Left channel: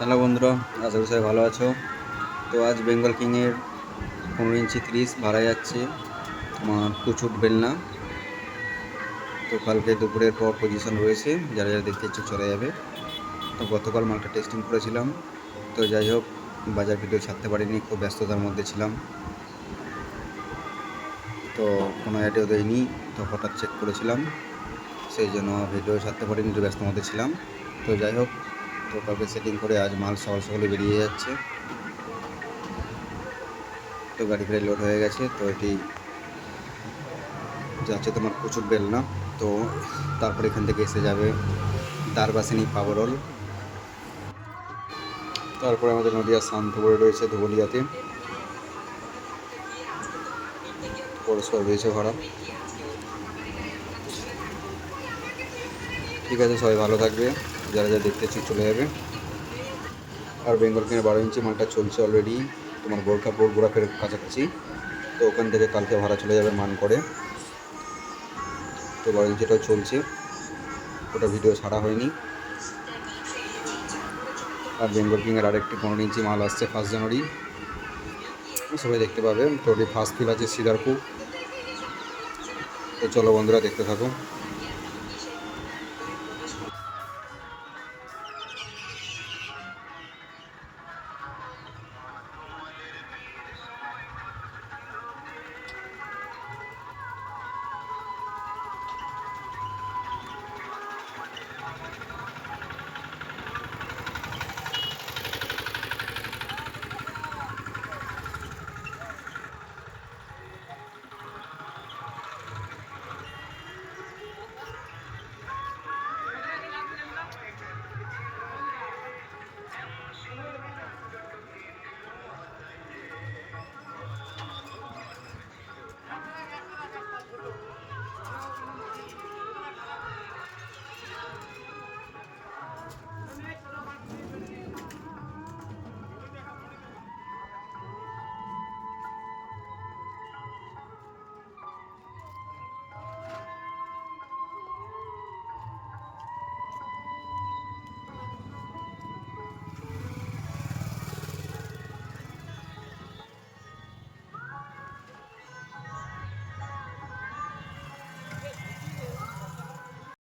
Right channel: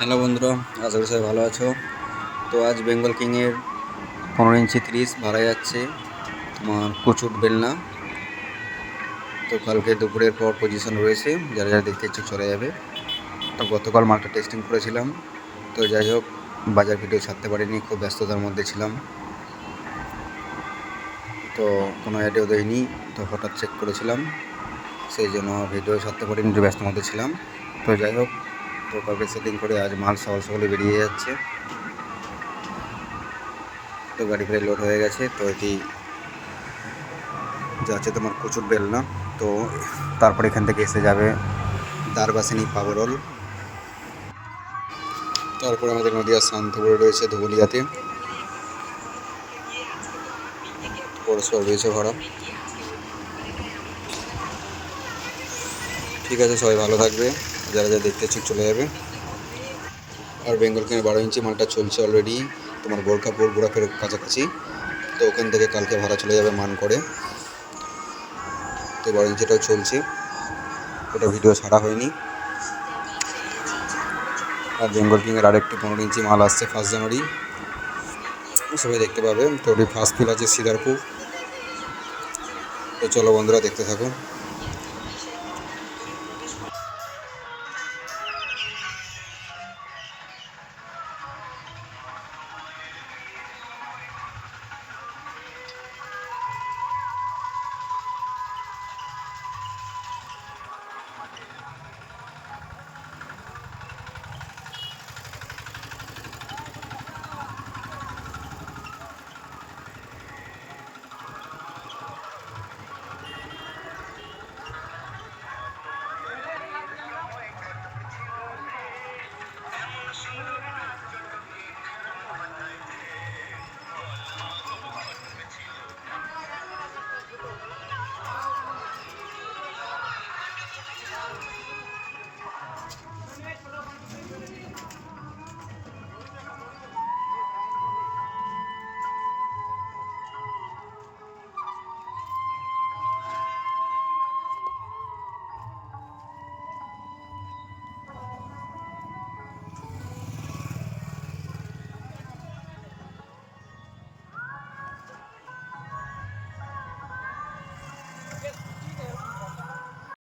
Hello বন্ধুরা, আশা করি সবাই ভালো আছো। তো আজ বেঙ্গল কিংয়ের পনেরো ইঞ্চি তিরিশ ভাড়া যাচ্ছে তোমার কুচুট বেলনা। তো কালকে দুপুরের পর পজিশন রয়েছে, যারা যারা দেখতে ইচ্ছে চলে যাবে। তো গতকাল মালটা টেস্টিং করেছিলাম। তো যাই হোক, বাজার ভিডিও ছাড়তে পারিনি, খুব ব্যস্ততার মধ্যে ছিলাম। তো কোনো অ্যাডেও দেয়নি তো হঠাৎ চেক করেছিলাম। সেই জন্য ভিডিও ছাড়তে পারিনি, একটু ব্যস্ত মধ্যে ছিলাম। তো যাই হোক তো কালকে সেটিং করে আজ মাল সকাল সকালে বেরিয়ে যাচ্ছে। তো গাড়ি ফেরে লোড হয়ে গেছে, তো এটি যাচ্ছে তোমার প্রচুর বেল না তো তারপর এখান থেকে এসে যাবে দারবাসিনী পাবরল। তারপরে আমাদের নদীয়া শান্তপুরে রয়েছে ধুবলিয়াতে। পরস্পর রয়েছে ভাড়া ঠিক আছে, সবাই ভালো থাকবে। যারা যারা দেখতে ইচ্ছুক চলে যাবে। আর বেঙ্গল কিনে বারো ইঞ্চি মালটা চলছে অলরেডি তোমার গোরখাপুর গোড়াফের কাছাকাছি। তো ওখান থেকে কালকে ভাড়া চলে যাবে মান করে। তো বারো ইঞ্চিটাও চলছে। ওটা ভিডিও ছাড়া হয়নি। আর বেঙ্গল কিংয়ের আরেকটি পনেরো ইঞ্চি মাল আসছে ফার্স্ট জানুয়ারি। সবাই দেখতে পাবে। তো ফার্স্ট ফিল আছে সিদারপুর। তো চলো বন্ধুরা, দেখতে থাকো।